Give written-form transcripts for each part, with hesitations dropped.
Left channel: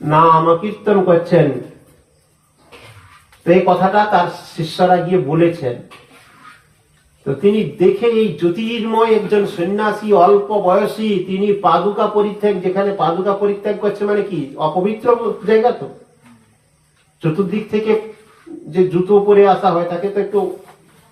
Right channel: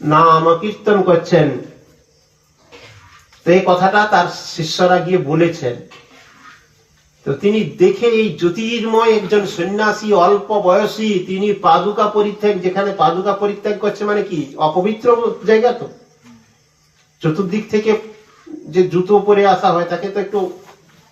নাম কীর্তন করছেন। তো এই কথাটা তার শিষ্যরা গিয়ে বলেছেন। তো তিনি দেখে এই জ্যোতির্ময় একজন সন্ন্যাসী, অল্প বয়সী, তিনি পাদুকা পরিত্যাগ, যেখানে পাদুকা পরিত্যাগ করছে মানে কি অপবিত্র জায়গা, তো চতুর্দিক থেকে যে জুতো পরে আসা হয় তাকে তো একটু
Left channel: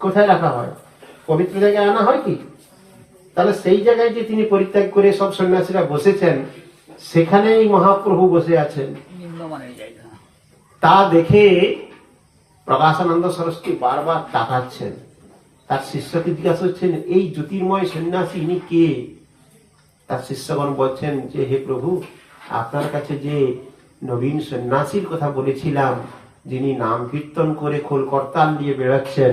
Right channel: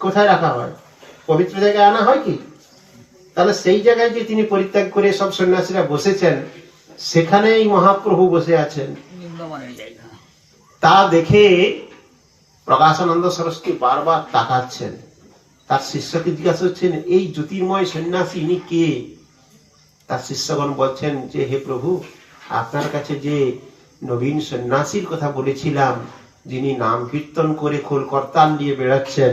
কোথায় রাখা হয়, পবিত্র জায়গায় আনা হয় কি? তাহলে সেই জায়গায় যে তিনি পরিত্যাগ করে সব সন্ন্যাসীরা বসেছেন, সেখানেই মহাপ্রভু বসে আছেন। তা দেখে প্রকাশানন্দ সরস্বতী বারবার তাকাচ্ছেন। তার শিষ্যকে জিজ্ঞাসা করছেন, এই জ্যোতির্ময় সন্ন্যাসী ইনি কে? তার শিষ্যগণ বলছেন যে, হে প্রভু, আপনার কাছে যে নবীন সন্ন্যাসীর কথা বলেছিলাম, যিনি নাম কীর্তন করে খোল করতাল নিয়ে বেড়াচ্ছেন,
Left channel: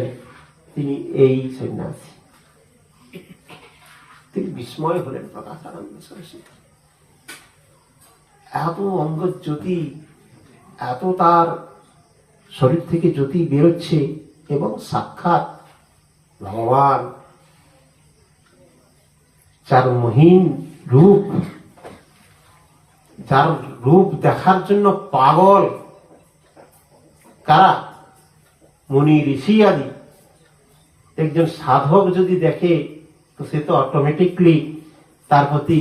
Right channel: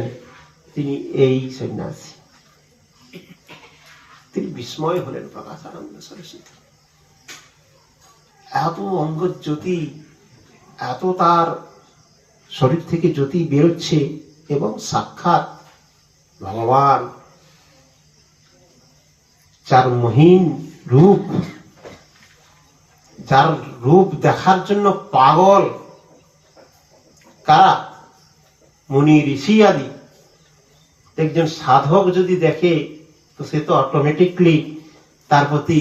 তিনি এই সন্ন্যাসী। তিনি বিস্ময় হলেন প্রকাশানন্দ সরস্বতী। এত অঙ্গ জ্যোতি, এত তার শরীর থেকে জ্যোতি বেরোচ্ছে, এবং সাক্ষাৎ ভগবান, যার মহিম রূপ, যার রূপ দেখার জন্য পাগল কারা? মুনি ঋষি আদি। একজন সাধক যদি দেখে, তো সে তো অটোমেটিকলি তার প্রতি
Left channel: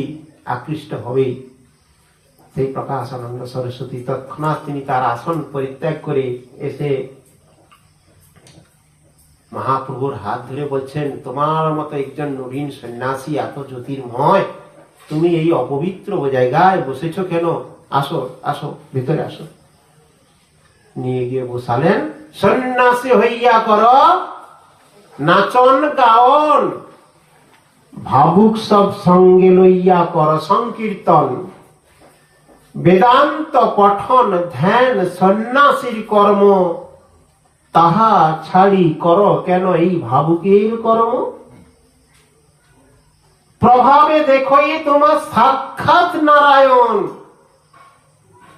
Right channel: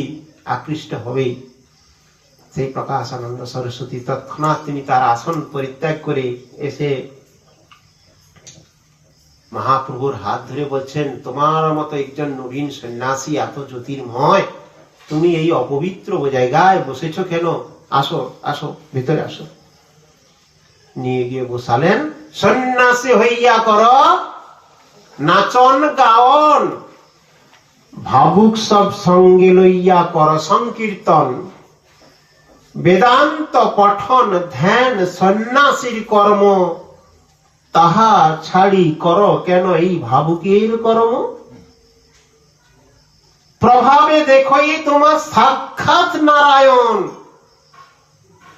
আকৃষ্ট হবেই। সেই প্রকাশানন্দ সরস্বতী তৎক্ষণাৎ তিনি তার আসন পরিত্যাগ করে এসে মহাপ্রভুর হাত ধরে বলছেন, তোমার মতো একজন নবীন সন্ন্যাসী, এত জ্যোতির্ময়, তুমি এই অপবিত্র জায়গায় বসেছ কেন? আসো আসো, ভিতরে আসো। নিয়ে গিয়ে বসালেন। সন্ন্যাসী হইয়া কর নাচন গাওন, ভাবুক সব সঙ্গে লইয়া কর সংকীর্তন, বেদান্ত পঠন ধ্যান সন্ন্যাসীর কর্ম, তাহা ছাড়ি কর কেন এই ভাবুকের কর্ম? প্রভাবে দেখোই তোমার সাক্ষাৎ নারায়ণ,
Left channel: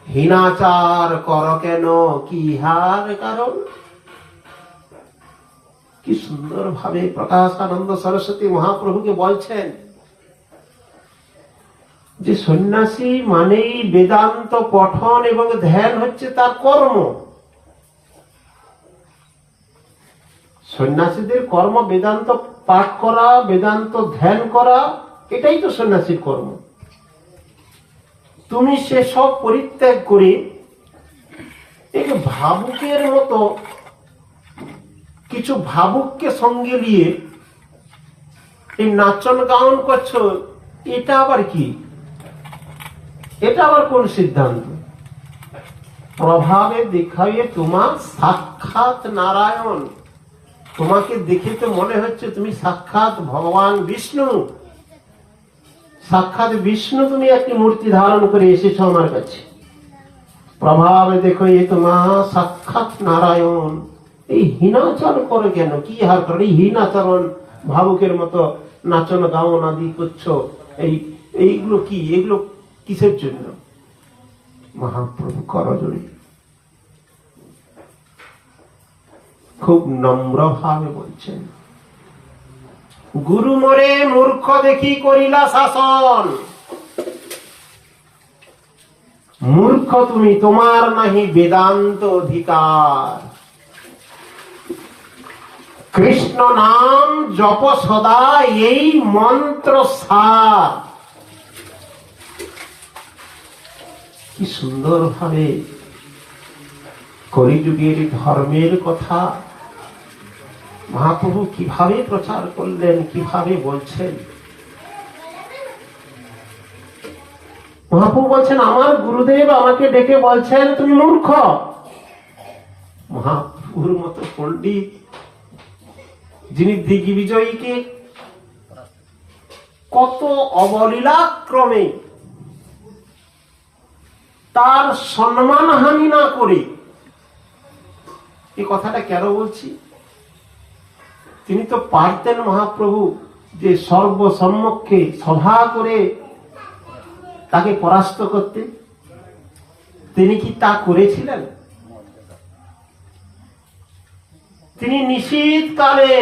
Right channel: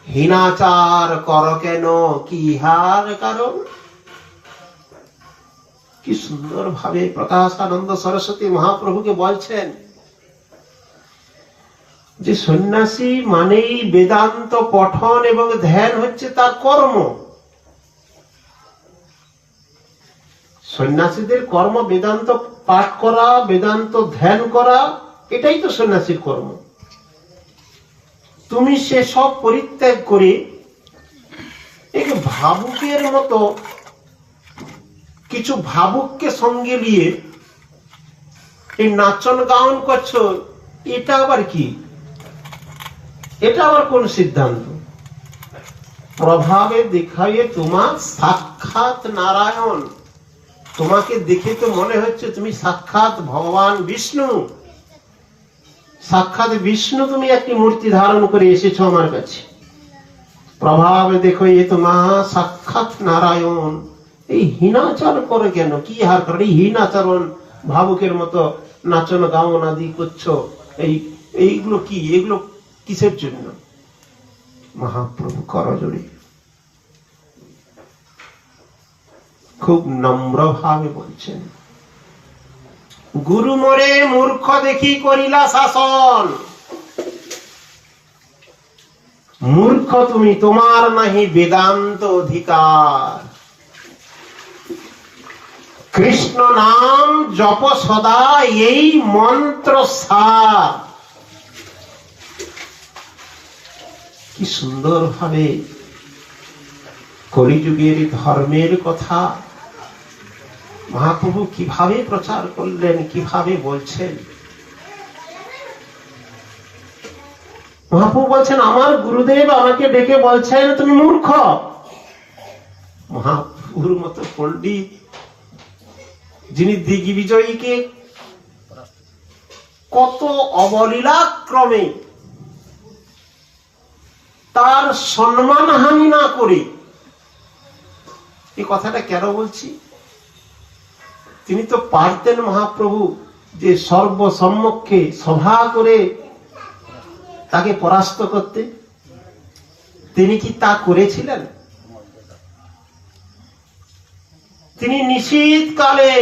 হীনাচার কর কেন কি হার কারণ? কি সুন্দর ভাবে প্রকাশানন্দ সরস্বতী মহাপ্রভুকে বলছেন যে সন্ন্যাসী মানেই বেদান্ত পঠন এবং ধ্যান হচ্ছে তার কর্ম। সন্ন্যাসীদের কর্ম বেদান্ত পাঠ করা, বেদান্ত ধ্যান করা, এটাই তো সন্ন্যাসীর কর্ম। তুমি সে সব পরিত্যাগ করে এক ভাবুকের মতো কিছু ভাবুককে সঙ্গে নিয়ে এই নাচন গান করছো, এটা আবার কি? এটা আবার কোন সিদ্ধান্ত? প্রভাবে দেখাইয়ে তোমার সাক্ষাৎ নারায়ণ, তোমাকে দেখে তো মনে হচ্ছে তুমি সাক্ষাৎ ভগবান বিষ্ণু। সাক্ষাৎ বিষ্ণু তুমি একটি মূর্তি ধারণ করে এসেছো আমার কাছে। প্রভাবে দেখো এ তোমার সাক্ষাৎ নারায়ণ, এই হীনাচরণ করে কেন? কি হার করে? হীনাচরণ, ভাবুকের মতো নাচন গাওন আদি করছো, এইগুলো কি? এগুলো কিসের জন্য? মহাপ্রভু করজোড়ে খুব নম্র ভাবে বলছেন, গুরু মোরে মূর্খ দেখি করিলা শাসন, মূর্খ তুমি, তোমার নাহি বেদান্ত অধিকার, কৃষ্ণ নাম জপ সদা এই মন্ত্র সার। কি সুন্দর ভাবে কলিযুগের ধর্মের কথা মহাপ্রভু কিভাবে প্রচার করলেন, কিভাবে বলছেন। মহাপ্রভু বলছেন, আমার গুরুদেব আমাকে ডেকে বলছেন তুমি মূর্খ। মহাপ্রভুর মতো পণ্ডিত, যিনি দিগ্বিজয়ীকে কত অবলীলাক্রমে তার সম্মান হানি না করে, এই কথাটা কেন বলছি? তিনি তো পারতেন মহাপ্রভু যে সর্বসম্মুখে সভা করে তাকে পরাস্ত করতে। তিনি কি তা করেছিলেন? তিনি নিশীথকালে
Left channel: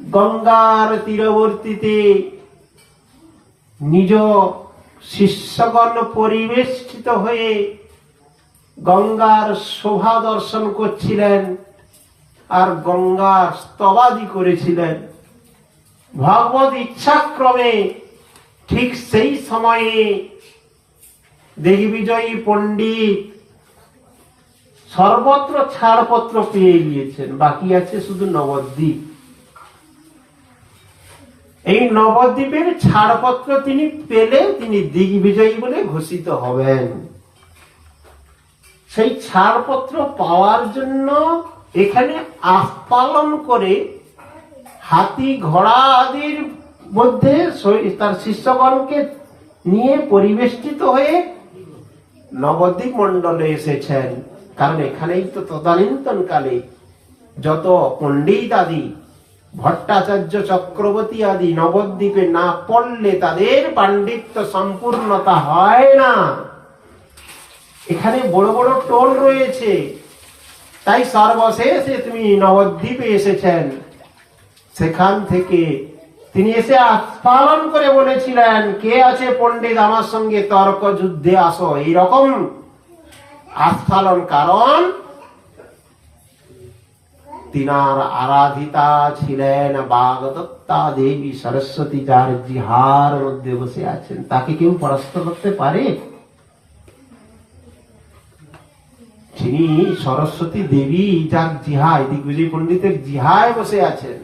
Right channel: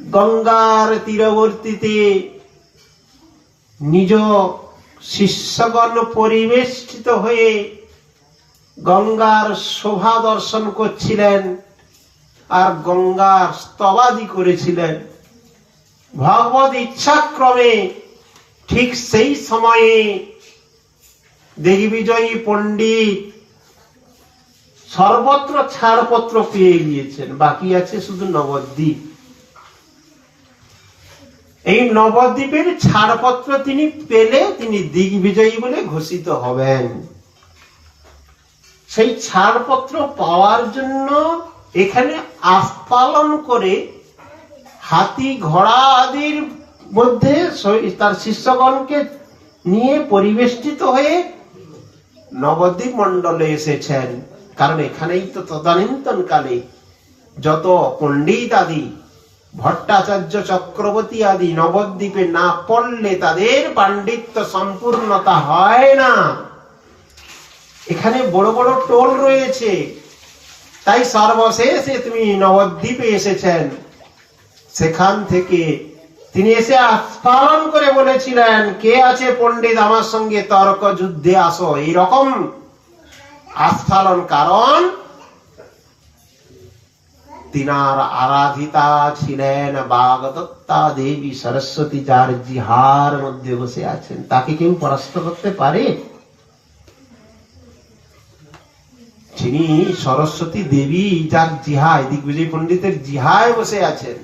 গঙ্গার তীরবর্তীতে নিজ শিষ্যগণ পরিবেষ্টিত হয়ে গঙ্গার শোভা দর্শন করছিলেন আর গঙ্গার স্তবাদি করেছিলেন। ভগবত ইচ্ছাক্রমে ঠিক সেই সময়ে দিগ্বিজয়ী পণ্ডিত সর্বত্র ছাড়পত্র পেয়ে গিয়েছেন, বাকি আছে শুধু নবদ্বীপ। এই নবদ্বীপের ছাড়পত্র তিনি পেলে তিনি দিগ্বিজয়ী বলে ঘোষিত হবেন। সেই ছাড়পত্র পাওয়ার জন্য এখানে আস্ফালন করে হাতি ঘোড়া আদির মধ্যে তার শিষ্যগণকে নিয়ে পরিবেষ্টিত হয়ে নবদ্বীপ মণ্ডলে এসেছেন। কারণ এখানেই তো তদানীন্তন কালে যত পণ্ডিত আদি ভট্টাচার্য চক্রবর্তী আদি নবদ্বীপে না পড়লে তাদের পাণ্ডিত্য সম্পূর্ণতা হয় না। এখানে বড় বড় টোল রয়েছে, তাই সর্বশেষে তুমি নবদ্বীপে এসেছেন। সেখান থেকে তিনি এসে আস্ফালন করে বলেছিলেন, কে আছে পণ্ডিত আমার সঙ্গে তর্ক যুদ্ধে আসো। এইরকম আস্ফালন, কারণ তিনার আরাধিতা ছিলেন বাগদত্তা দেবী সরস্বতী, যার জিহার মধ্যে বসে আছেন। তাকে কেউ পরাস্ত করতে পারে? যিনি সরস্বতী দেবী, যার জিহায়, দিগ্বিজয় পণ্ডিতের জিহায় বসে আছেন,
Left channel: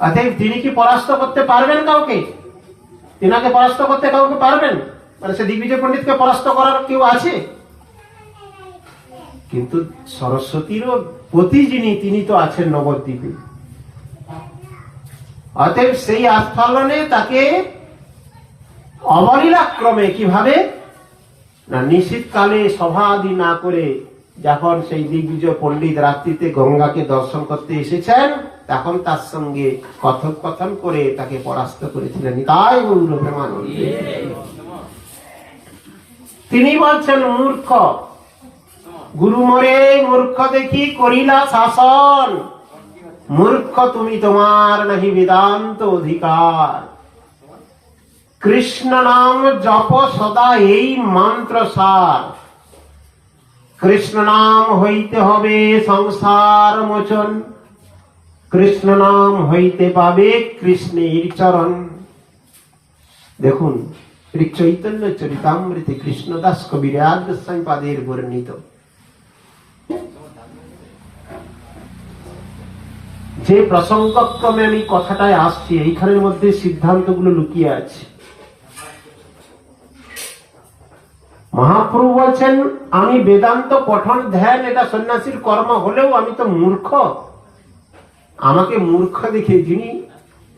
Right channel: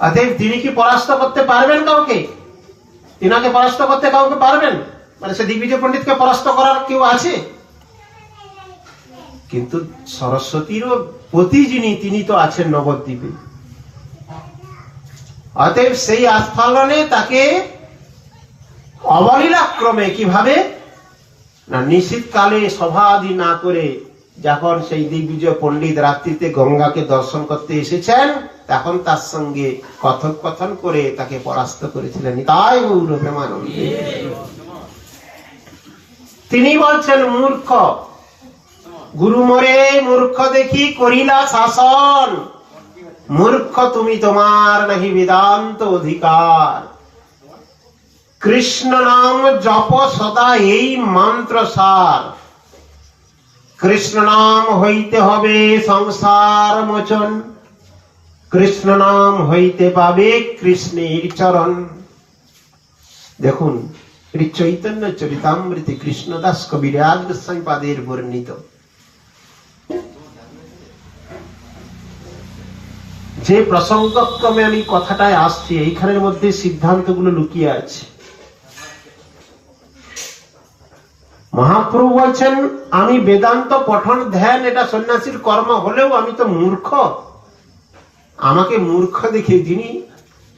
অতএব তিনি কি পরাস্ত করতে পারবেন কাউকে? তিনাকে পরাস্ত করতে কাউকে পারবেন? মানে সে দিগ্বিজয় পণ্ডিতকে পরাস্ত করার কেউ আছে? কিন্তু সরস্বতীরও পতি যিনি, তিনি তো আছেন নবদ্বীপে। অতএব সেই আস্ফালনে তাকে অবলীলাক্রমে কিভাবে না, নিশীথকালে সভা আদি না করে যখন সেই দিগ্বিজয় পণ্ডিত রাত্রিতে গঙ্গাকে দর্শন করতে এসেছেন, তখন তার সঙ্গে কথোপকথন করে তাকে পরাস্ত করেছিলেন। তাই গৌর প্রেমানন্দে তিনি বলছেন, মূর্খ গুরু মোরে মূর্খ দেখি করিলা শাসন, মূর্খ তুমি তোমার নাহি বেদান্ত অধিকার, কৃষ্ণ নাম জপ সদা এই মন্ত্র সার, কৃষ্ণ নাম হইতে হবে সংসার মোচন, কৃষ্ণ নাম হইতে পাবে কৃষ্ণের চরণ। দেখুন, এটি চৈতন্য চরিতামৃতে কৃষ্ণদাস কবিরাজ গোস্বামী পাদের বর্ণিত। যে প্রসঙ্গক্রমে আমি কথাটায় আসছি, এইখানের মধ্যে সিদ্ধান্তগুলো লুকিয়ে আছে। মহাপ্রভু বলছেন, আমি বেদান্ত পঠন ধ্যান এটা সন্ন্যাসীর কর্ম হলেও আমি তো মূর্খ, আমাকে মূর্খ দেখে যিনি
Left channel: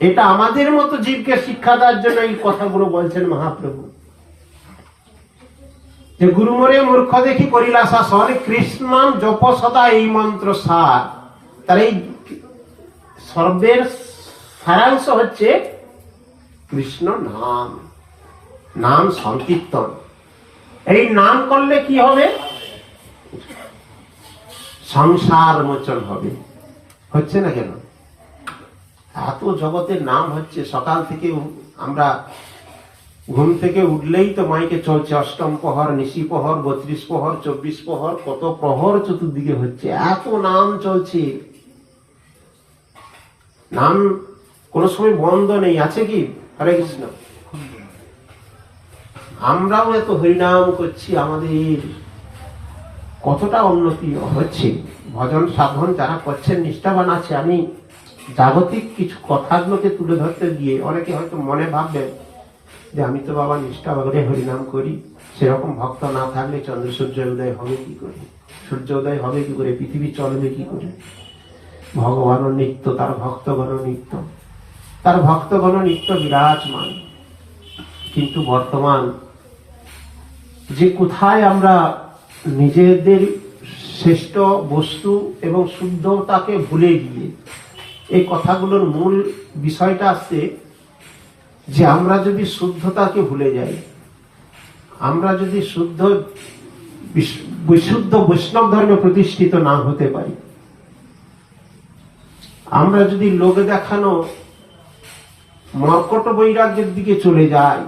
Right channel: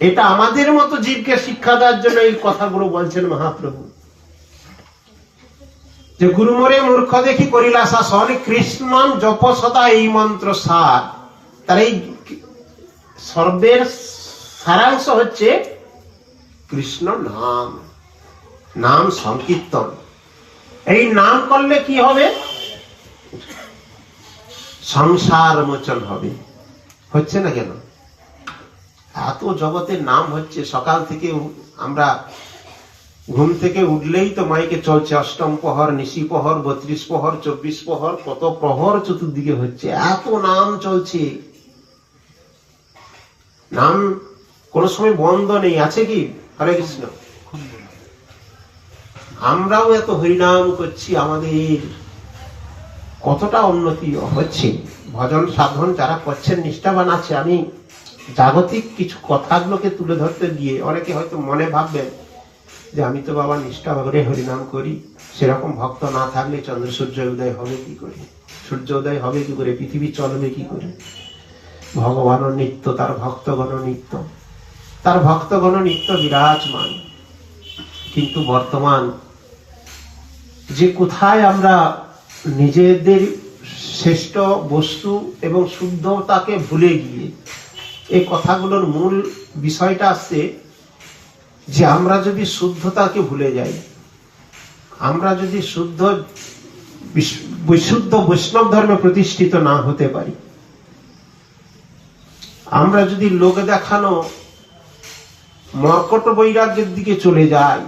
এটা আমাদের মতো জীবকে শিক্ষা দেওয়ার জন্য এই কথাগুলো বলছেন মহাপ্রভু, যে গুরুমরে মূর্খ দেখি করিলা শাসন, কৃষ্ণ নাম জপ সদা এই মন্ত্র সার। তার এই সর্বের সারাংশ হচ্ছে কৃষ্ণ নাম, নাম সংকীর্তন। এই নাম করলে কি হবে? সংসার মোচন হবে। হচ্ছে না কেন? এত জগতের নাম হচ্ছে। সকাল থেকে আমরা ঘুম থেকে উঠলেই তো মাইকে চলছে অষ্টম প্রহর, নিশি প্রহর, 32 প্রহর, 24 প্রহর, কত প্রহর চতুর্দিকে হচ্ছে, এত নাম চলছে। নাম কোন সময় বন্ধ নেই, আছে কি? হরে কৃষ্ণ। আমরাও এত হরিনাম করছি, আমাদের কতটা উন্নতি হচ্ছে। ভজন সাধন যারা করছেন, নিষ্ঠাবান আছে। আমি জাগতিক কিছু কথাগুলোকে তুলে ধরতে গিয়ে অনেকে হয়তো মনে ভাববেন যে আমি তো বাবা নিষ্ঠা করে হরিনাম করি, সেরকম ভক্ত না থাকলে চন্দ্র সূর্য উদয় হবে কি করে, সূর্য উদয় হবে কি করে, পৃথিবী চলবে কি করে। ভগবানও নিত্য, তার ভক্তগণ নিত্য, তার ভক্তগণ নিত্য বিরাজমান। কিন্তু বর্তমান যে কোথায় আমরা নিজেদের শ্রেষ্ঠ বস্তু এবং শুদ্ধতাকে ভুলে গিয়ে, এই কথাগুলোর মূল বিষয়টা আসছে যে আমরা যদি শুদ্ধতাকে ভুলে যাই, আমরা যদি বিশুদ্ধ বৈষ্ণব ধর্মে প্রতিষ্ঠিত না হতে পারি, আমরা যদি লোক দেখানো মর্কট বৈরাগ্যের দিকে চলে যায়,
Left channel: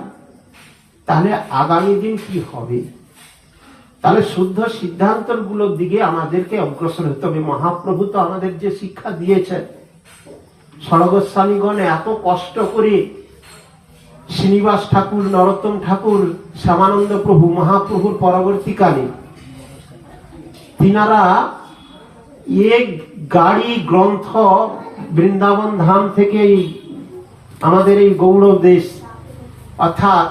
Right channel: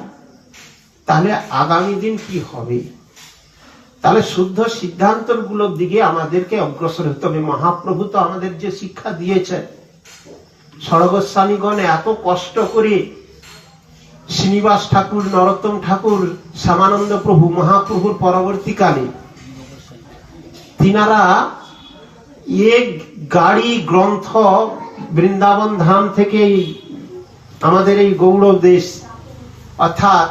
তাহলে আগামী দিন কি হবে? তাহলে শুদ্ধ সিদ্ধান্তর গুলোর দিকে আমাদেরকে অগ্রসর হতে হবে। মহাপ্রভু তো আমাদের যে শিক্ষা দিয়েছেন, স্বর্গস্বামীগণ এত কষ্ট করে শ্রীনিবাস ঠাকুর, নরোত্তম ঠাকুর, শ্যামানন্দ প্রভু, মহাপ্রভুর পরবর্তীকালে তিনারা এক গাড়ি গ্রন্থ বৃন্দাবন ধাম থেকে আমাদের এই গৌড় দেশ অর্থাৎ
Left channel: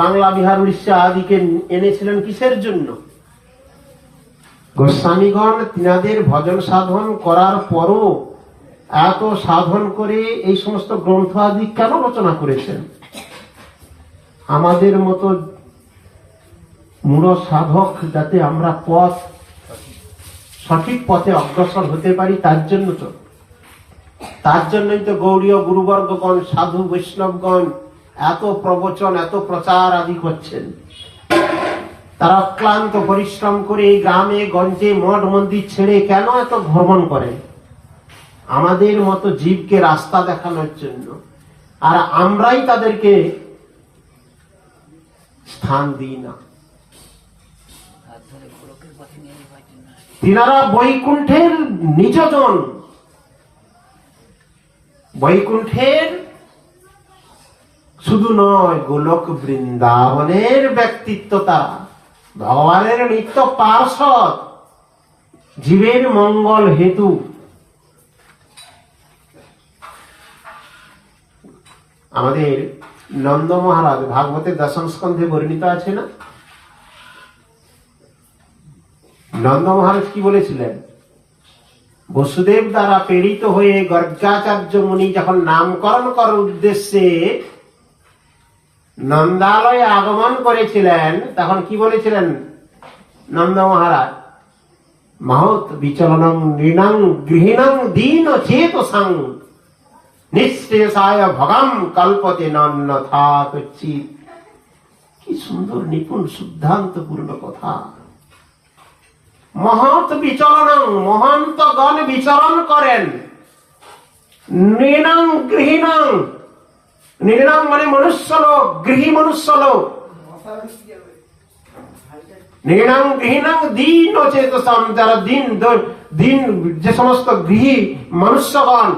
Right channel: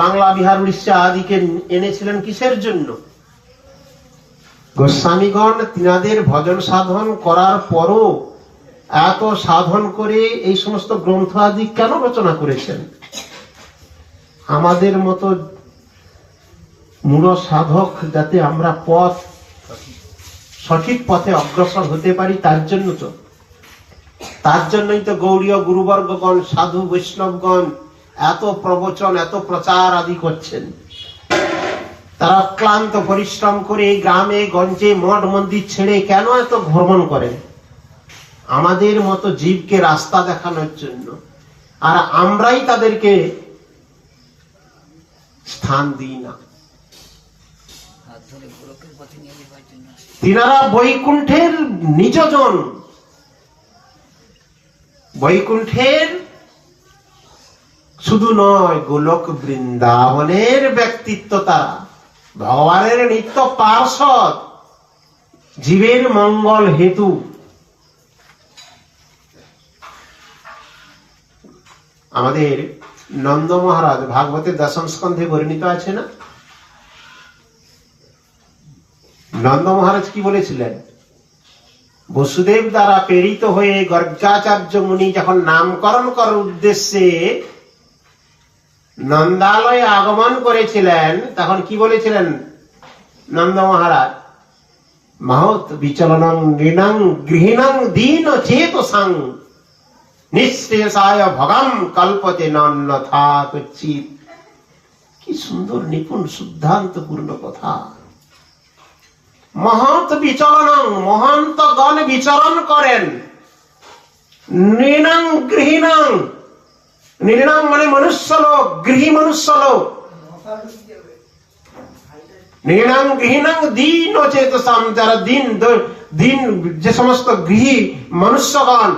বাংলা, বিহার, উড়িষ্যা আদিকে এনেছিলেন কিসের জন্য? গোস্বামীগণ তিনাদের ভজন সাধন করার পরও এত সাধন করে এই সমস্ত গ্রন্থ আদি কেন রচনা করেছেন? আমাদের মতো মূঢ় সাধক যাতে আমরা সঠিক পথে অগ্রসর হতে পারি, তার জন্য তো। তার জন্যই তো গৌড়ীয় গুরুবর্গগণ, সাধু বৈষ্ণবগণ এত প্রবচন, এত প্রচার আদি করছেন। তারা অক্লান্ত পরিশ্রম করে গ্রামে গঞ্জে মঠ মন্দির ছেড়ে কেন এত ভ্রমণ করে? আমাদের মতো জীবকে রাস্তা দেখানোর জন্য। আর আমরাই তাদেরকে স্থান দিই না। তিনারা বৈকুণ্ঠের নিজজন, বৈকুণ্ঠের শুধু নয়, গোলক বৃন্দাবনের ব্যক্তিত্ব। তারা ভগবানের নিত্য পার্ষদ, জীবের মঙ্গল হেতু। আমাদের নন্দ মহারাজ ভাগবতের দশম স্কন্ধে বর্ণিত আছে না? নন্দ মহারাজ কি বলেছিলেন? বসুদেব দ্বারা প্রেরিত হয়ে গর্গাচার্য মুনি যখন নামকরণ করার উদ্দেশ্যে নন্দালয়ে আগমন করেছিলেন, তখন কি বলেছিলেন নন্দ মহারাজ? মহৎ বিচলনং নৃণং গৃহিণং দীন চেতসাং নিঃশেষায় ভগম কল্পতে নন্যথা কচ্ছিৎ। কি সুন্দর নিপুণ সিদ্ধান্তপূর্ণ কথা। মহৎ বিচলনং, মহন্তগণ বিচরণ করেন। নৃণং গৃহিণং, নৃণং মানে মনুষ্য লোক, গৃহী মনুষ্য লোক। নৃণং গৃহিণং দীন চেতসাম, যারা দিন যে সমস্ত গৃহী মনুষ্যগণ,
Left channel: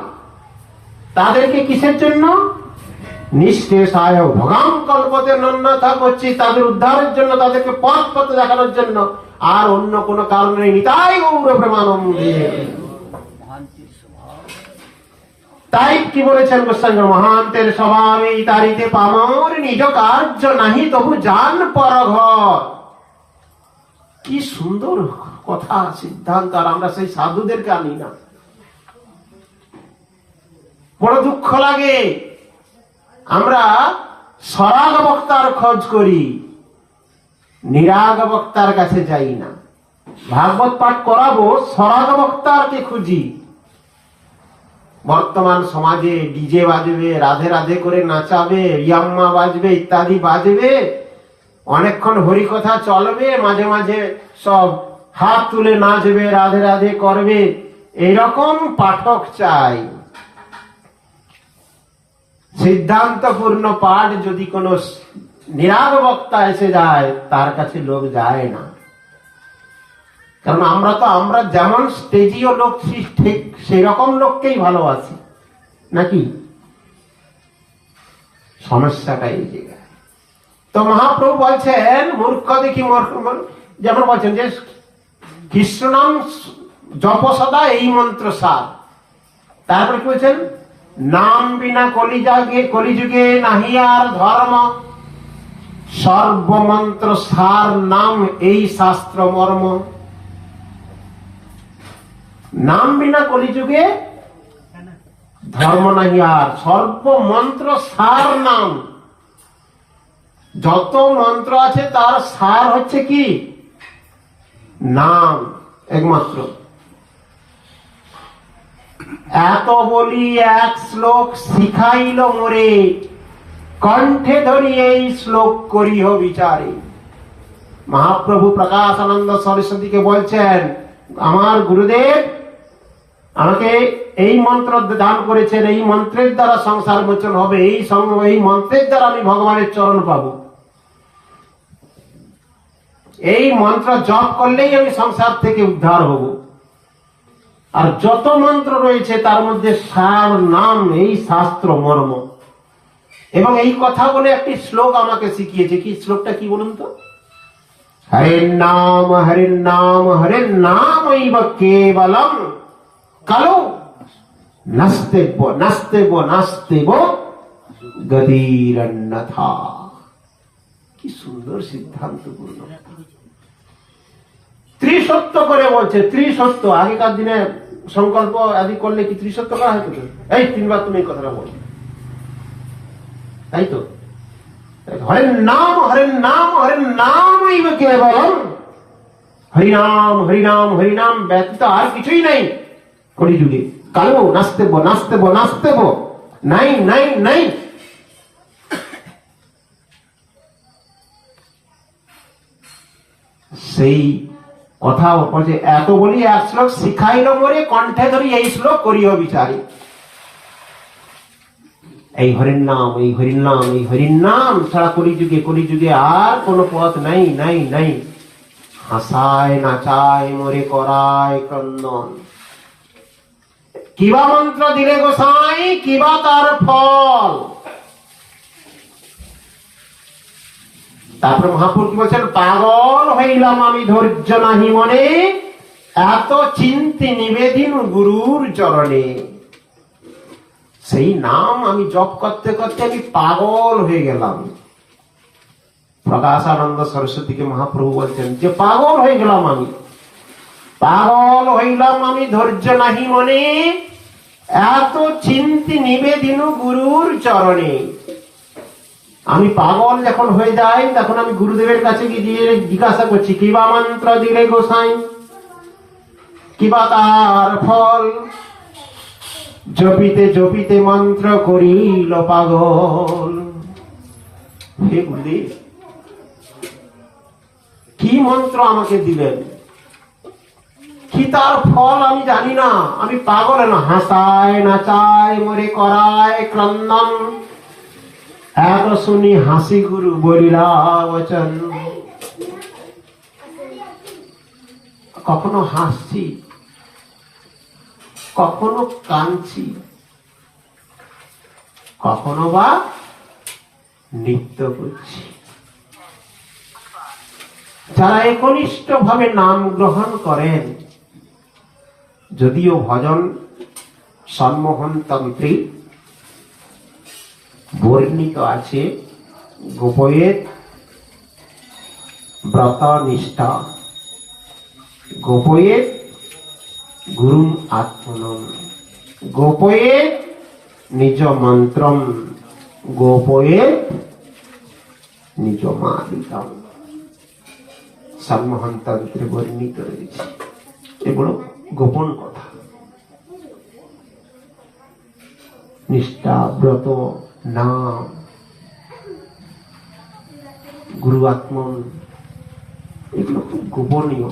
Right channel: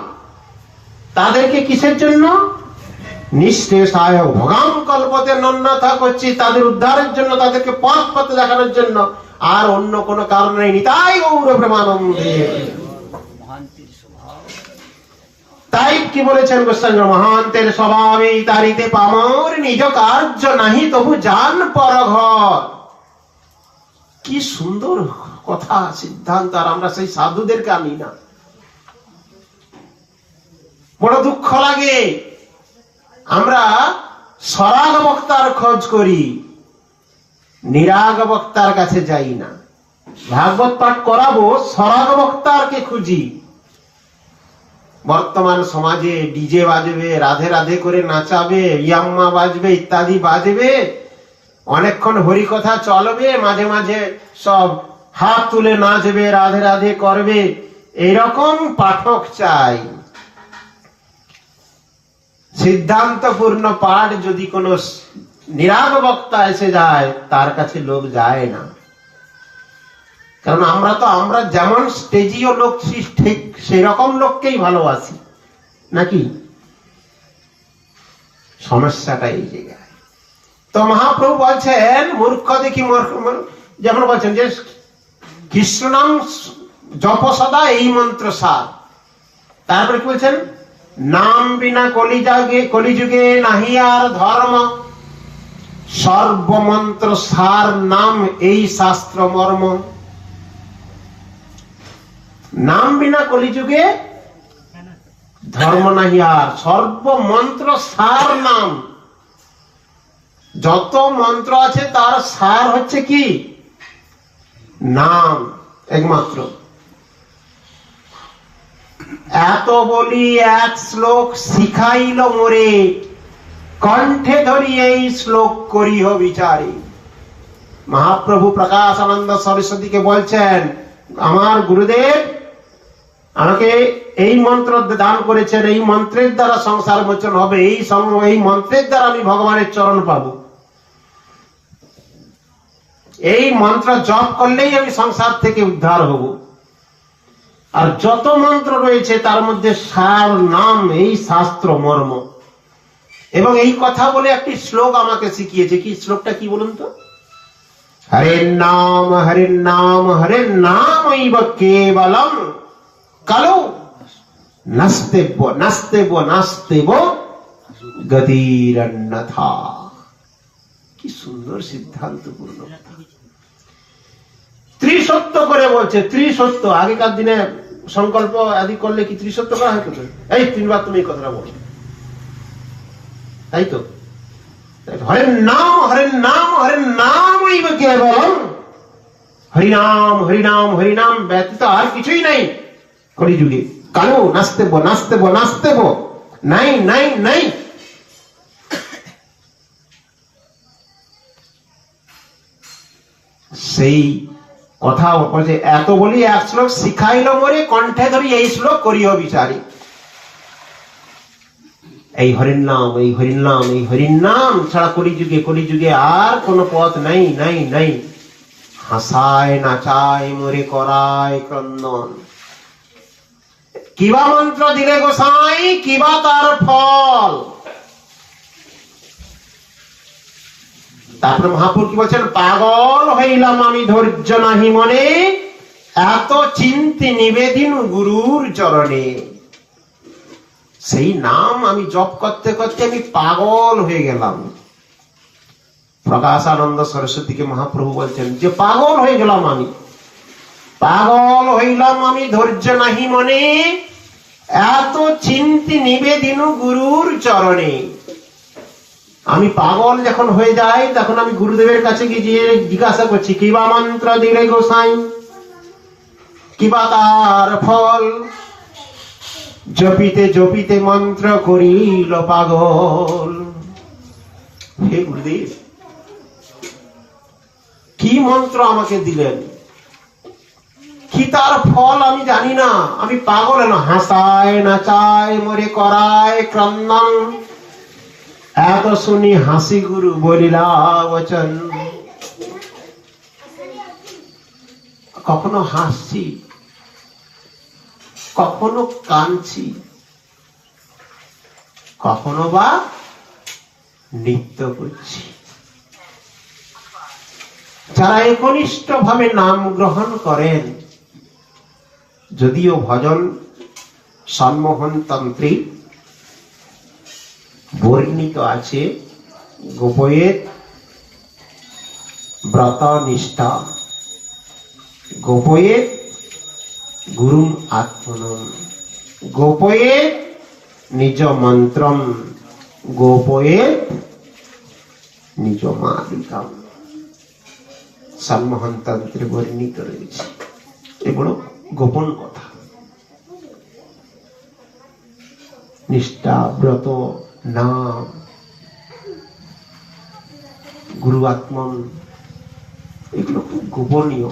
তাদেরকে কিসের জন্য? নিঃশেষায় ভগম কল্পতে নন্যথা করছি, তাদের উদ্ধারের জন্য, তাদেরকে পথ পথে দেখানোর জন্য, আর অন্য কোন কারণ নেই। নিতাই গৌর প্রেমানন্দে। তাই কি বলেছেন গোস্বামী? মহান্তের স্বভাবে তারিতে পামর, নিজ কার্য নাহি তবু জান পরঘর। কি সুন্দর কথা, সিদ্ধান্ত। আর আমরা সেই সাধুদেরকে আনি না। বড় দুঃখ লাগে, আমরা সরাগ বক্তার খোঁজ করি, নিরাগ বক্তার কাছে যাই না। ভাগবত পাঠ করাবো, সরাগ বক্তারকে খুঁজি। বর্তমান সমাজে ডিজে বাজবে, রাধে রাধে করে নাচাবে, ইয়াম্মা বাজবে, ইত্যাদি বাজবে, অনেকক্ষণ হরি কথা চলবে, মাঝে মাঝে সব হাত তুলে নাচবে, রাধে রাধে করবে, এরকম পাঠক চাই। সিদ্ধান্তপূর্ণ পাঠ যদি কোন নিরাগ বক্তা এসে যায়, তার কাছে লোক যায় না। কারণ আমরা যেমন স্টেজীয় লোক, ঠিক সেরকম লোককেই ভালোবাসি, নাকি? সমস্যাটা এই জায়গায়। তো মহাপ্রভু বলছেন, মূর্খ দেখি যেমন বলছেন যে কৃষ্ণ নাম জপ সদা, এই মন্ত্র সার। তারপরে কি বলছেন? নাম বিনা কলিযুগে নাহি আর ধর্ম, সর্বমন্ত্র সার নাম এই শাস্ত্র মর্ম। নাম বিনা কলিযুগে ধর্ম নাহি আর, সর্বমন্ত্র সার নাম। যত মন্ত্র আছে তার সার হচ্ছে কি? নাম একমাত্র। এত বলি এক শ্লোক শিখাইল মোরে, কণ্ঠে ধরি এই শ্লোক করিহ বিচারে। মহাপ্রভু প্রকাশানন্দ সরস্বতীকে বলছেন, আমার গুরুদেব আমাকে এই মন্ত্র দান করেছেন, এই মন্ত্রের দ্বারা সংসার মোচন হবে, এই মন্ত্রের দ্বারা আমি ভগবানের চরণ পাবো, এই মন্ত্র জপ করলেই আমি সংসার থেকে উদ্ধার হব। আর যত মন্ত্র রয়েছে তার মধ্যে সার নাম, এই শাস্ত্র মর্ম। এবং এই কথা বলে একটি শ্লোক আমাকে শিখিয়েছে। কি শ্লোকটা কি বলুন তো? হরে নাম হরে নাম হরে নাম কেবলম কালো নাস্তেব নাস্তেব নাস্তেব গতিরন্যথা। কি সুন্দর সিদ্ধান্তপূর্ণ কথা। ত্রিসত্য করে বলছে, ত্রিসত্য। আগেকার দিনে সংকল্প আদি করলে কি ত্রিসত্য করা হতো? এই 3 বার তুমি এই কথাটা বল, তাই তো? হরে নাম হরে নাম হরে নাম কেবলম, হরিনাম হরিনাম হরিনাম ব্যতীত আর কিছুই নাই কলিযুগে। কালো নাস্তেব নাস্তেব নাস্তেব, নাই নাই নাই। সেই কথা যে এত বলি এক শ্লোক শিখাইল মরে, কণ্ঠে ধরি এই শ্লোক করিও বিচারি। এই হরির নাম, এই হরির নাম, এই হরির নাম ছাড়া কলিযুগে আর কোন পথ নাই নাই নাই। হাসায় নাচায় মরে করায় ক্রন্দন। কিবা মন্ত্র দিলে গোসাই, কিবা তার ফল। তারপরে মহাপুর কি বলছেন? পাগল হইলাম আমি ধৈর্য নাহি মনে, এত চিন্তি নিবেদিন গুরুর চরণে। সেই নাম আমি জপ করতে করতে আমি পাগল হয়ে গেলাম। প্রকাশানন্দ সরস্বতীকে মহাপ্রভু বলছেন যে পাগল হয়ে গেলাম আমি, পাগল হইলাম আমি ধৈর্য নাহি মনে, এত চিন্তি নিবেদিন গুরুর চরণে। আমি পাগল যখন হয়ে যাই তখন আমি গুরুদেবের কাছে গিয়ে জিজ্ঞাসা করছি, কিবা মন্ত্র দিলে গোসাই, কিবা তার ফল। জপিতে জপিতে মন্ত্র করিল পাগল। হে গুরুদেব, কি মন্ত্র আমাকে দিলেন, কি তার ফল আমি জানি না। আমি পাগল না, হাসায় নাচায় মরে করায় ক্রন্দন। এত শুনি হাসি গুরু বলিলা বচন। কখনো হাসছি, কখনো কাঁদছি, কখনো বা নৃত্য করছি। যারা একনিষ্ঠ ভাবে নাম গ্রহণ করেন, যদিও ভজন সন্মোহন তন্ত্রে বর্ণিত আছে গোপয়ের ব্রত নিষ্ঠা, গোপয়ের গুরুম আত্মনম, গোপয়ে নিজ মন্ত্রম, গোপয়ে নিজ মালিকাম। সন্মোহন তন্ত্রে বর্ণিত রয়েছে। এগুলো গোপন কথা। নিষ্ঠা, ব্রত, নাম, গুরু আত্মন, এগুলো খুব গোপনীয়।